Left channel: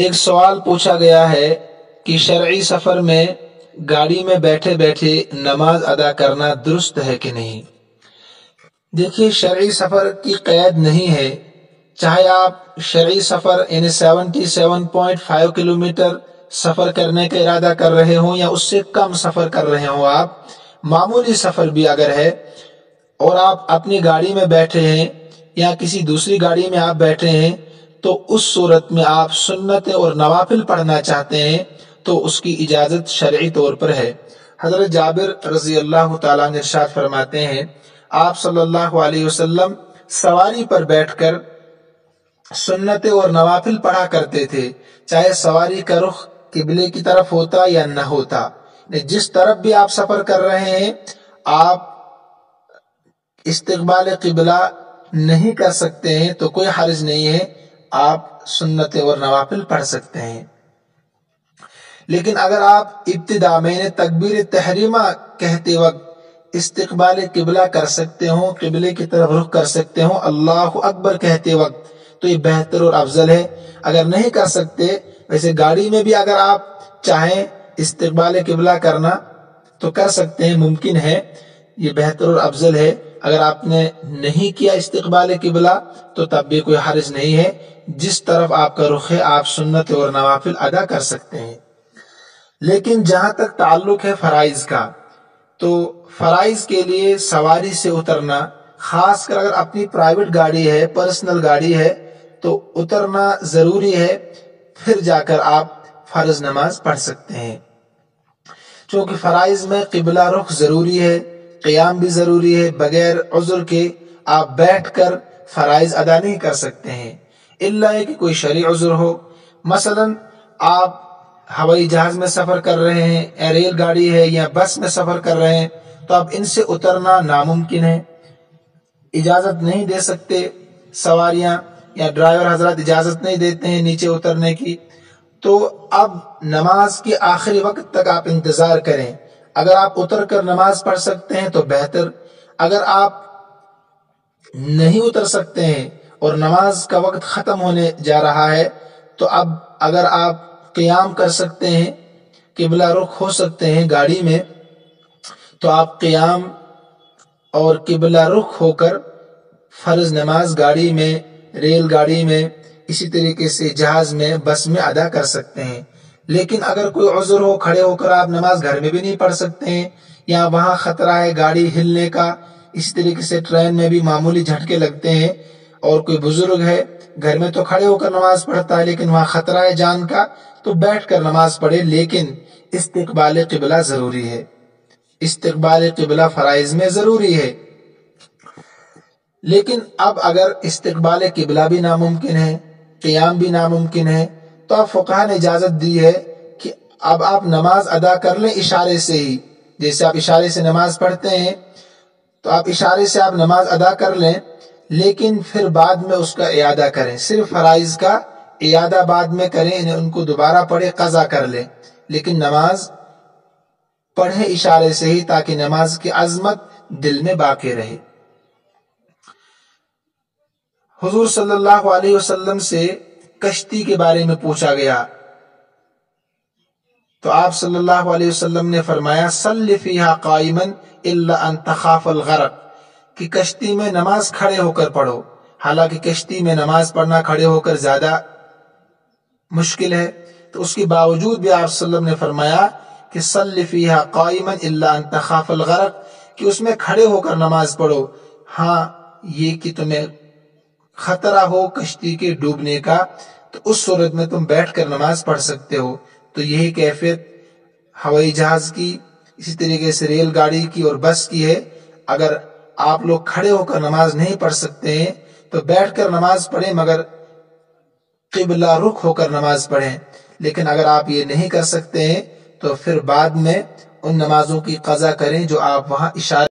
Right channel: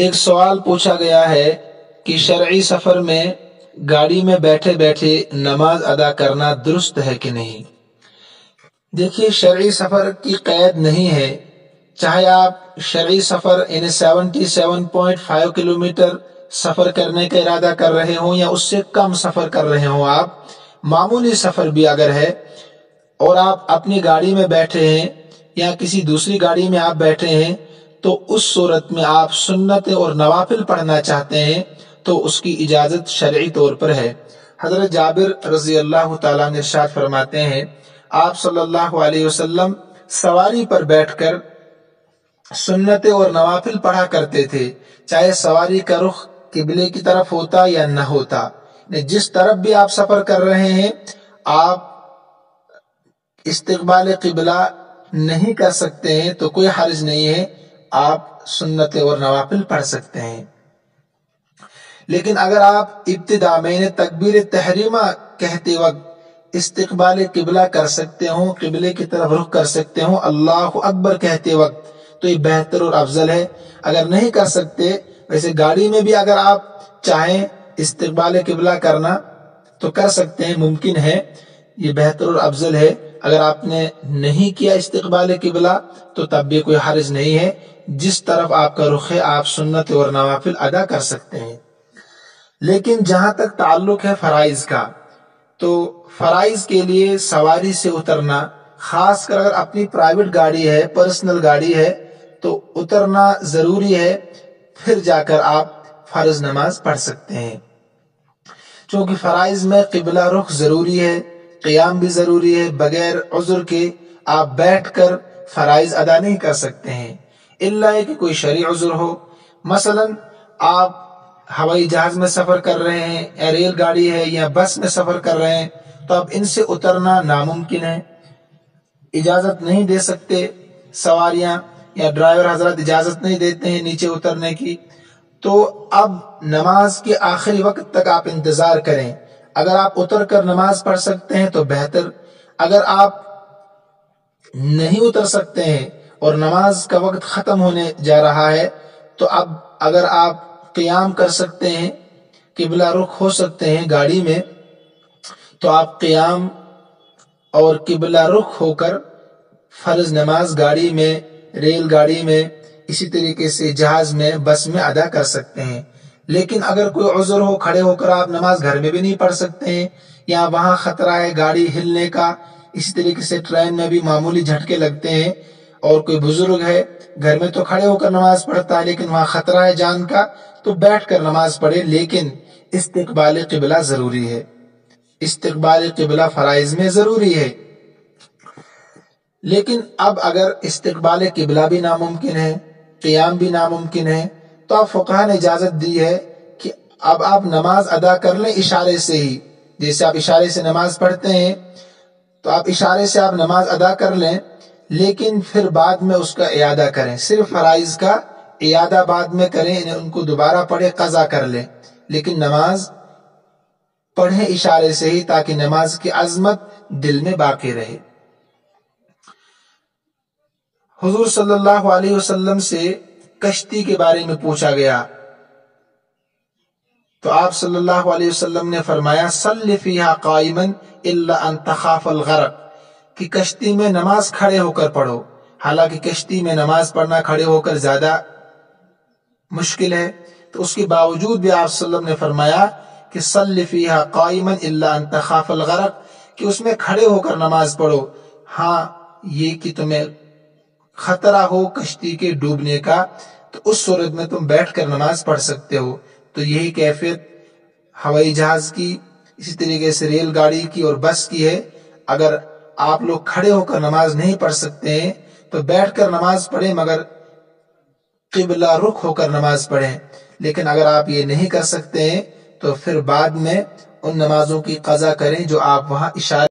ایک سوال پوچھا گیا ہے کہ شرعی سفر میں گاڑی میں بیٹھے بیٹھے نماز ادا کرنا درست ہے کہ نہیں۔ دیکھیے، شرعی سفر کی قید نہیں ہے، چاہے آپ شرعی سفر یعنی 77.5 کلومیٹر سفر کرنے کا ارادہ کر رہے ہوں یا اس سے کم سفر کر رہے ہوں، آپ معمولی سفر بھی اگر ہے اور آپ اپنی گاڑی میں بیٹھے ہیں یا کسی دوسری گاڑی میں آپ بیٹھے ہیں، تو اس صورت میں آپ سنتیں اور نوافل پڑھنا چاہتے ہیں تو اس کی اجازت شرعی طور پر ہے۔ حضرت جابر رضی اللہ تعالیٰ عنہ ارشاد فرماتے ہیں، آپ صلی اللہ علیہ وسلم سواری پر بیٹھ کر سنتیں اور نوافل پڑھا کرتے تھے، چاہے سواری کا رخ قبلے کی طرف ہوتا یا نہ ہوتا۔ جس طرف بھی آپ سفر کر رہے ہیں، آپ استقبال قبلہ نہیں کر سکتے ہیں تو کوئی حرج نہیں ہے، آپ سنتیں اور نوافل پڑھ سکتے ہیں۔ لیکن اگر آپ ابتدا میں تکبیر تحریمہ کہتے وقت استقبال قبلہ کر سکتے ہوں، قبلے کی طرف رخ کر سکتے ہوں، اللہ اکبر کہتے وقت، تو یہ بہتر اور افضل ہے۔ اگر نہیں کر سکتے، ویسے گاڑی میں بھی اگر آپ چاہیں استقبال قبلہ کرنا تو کر سکتے ہیں، ممکن ہے، یہ بہتر اور افضل ہے۔ اگر آپ نے نہیں کیا استقبال قبلہ تو تب بھی کوئی حرج نہیں ہے، جس طرف آپ کا رخ ہے آپ سنت اور نوافل ادا کر سکتے ہیں۔ لیکن جہاں تک تعلق ہے فرائض کا، تو فرائض کے لیے سواری سے اترنا، خاص کر اگر اپنی پرائیویٹ گاڑی ہے، پرسنل گاڑی ہے، تو اترنا ضروری ہے، پھر جا کر آپ فرض نماز پڑھ سکتے ہیں۔ چونکہ فرائض میں قبلہ رخ ضروری ہے، قیام بھی ضروری ہے، بغیر عذر کے آپ بیٹھ کر فرائض ادا نہیں کر سکتے ہیں، الا کہ کوئی شرعی عذر ہو۔ مثلا آپ ہوائی جہاز میں سفر کر رہے ہیں یا ریل گاڑی ہے یا بس میں سفر کر رہے ہیں، تو اب ان سے اترنا ناممکن ہے، اجازت نہیں دے سکتے، سواریاں یا ڈرائیور حضرات اجازت نہیں دیتے ہیں نیچے اترنے کی، تو اب نماز کے آخری وقت تک آپ انتظار کریں۔ اگر آپ اتر کر نماز پڑھ سکتے ہیں تو بہتر، اگر آپ نہیں اتر سکتے ہیں اور نماز کا وقت ختم ہونے جا رہا ہے، تو اب اگر آپ قیام کر سکتے ہیں، قبلہ رخ ہو سکتے ہیں گاڑی میں، تو آپ قیام اور قبلہ رخ ہو کر فرض نماز گاڑی میں، ریل گاڑی میں، اسی طریقے سے جہاز میں، بس میں ادا کر سکتے ہیں۔ لیکن اگر کوئی عذر ہو، کھڑے ہو کر آپ نماز گھر میں بھی نہیں پڑھ سکتے ہیں، یا وہاں خطرہ ہے گاڑی ہلنے کا، اسی طریقے سے ٹرین میں بھی معمولی جھٹکے لگتے ہیں، اور کوئی بزرگ ہے گھر میں تو کھڑے ہو کر نماز پڑھتا ہے، لیکن وہاں خطرہ ہے جان کا، تو بیٹھ کر نماز پڑھے، لیکن استقبال قبلہ ضروری ہے، استقبال قبلہ فرائض میں ضروری ہے۔ لیکن اب اگر استقبال قبلہ بھی ناممکن ہے، قیام بھی ناممکن ہے، تو اب فقہا نے اجازت دی ہے کہ اب آپ نماز ادا کر لیں اشارے سے ہی، جیسے آپ اشارے سے نماز پڑھتے ہیں تو آپ اشارے سے آپ نماز ادا کر لیں، لیکن پھر بعد میں اس کا اعادہ کریں، صرف فرائض کا اعادہ بعد میں کریں، انہیں ان کو دوبارہ پڑھے، قضا کر لیں، لیکن نماز پڑھیں اشارے سے ہی، تاکہ نماز کی عظمت دل میں باقی رہے۔ حضور صلی اللہ علیہ وسلم سے کشتی کے بارے میں پوچھا گیا تو آپ صلی اللہ علیہ وسلم نے فرمایا، صلی فیہا قائما الا ان تخاف الغرق، کہ کشتی میں نماز کھڑے ہو کر پڑھو۔ حالانکہ کشتی میں نماز پڑھنا کھڑے ہو کر زیادہ مشکل ہے، تو اس کے باوجود بھی آپ صلی اللہ علیہ وسلم نے فرمایا کہ صلی فیہا قائما الا ان تخاف الغرق، کہ اس میں کھڑے ہو کر نماز پڑھو، ہاں یہ کہ تمہیں خطرہ ہو کشتی کے ڈوبنے کا، تو اس صورت میں تم بیٹھ کر نماز پڑھ سکتے ہو۔ تو یہی کیفیت ہوائی جہاز کی، اسی طریقے سے ریل گاڑی کی اور بس کی ہے۔ اگر آپ لوگ کھڑے ہو کر نماز نہیں پڑھ سکتے ہیں تو بیٹھ کر نماز پڑھیں، مگر قبلہ رخ ہو کر نماز پڑھیں۔ لیکن اگر آپ یہ نہیں کر سکتے ہیں تو پھر بعد میں ان نمازوں کی قضا کریں جو آپ وہاں اشارے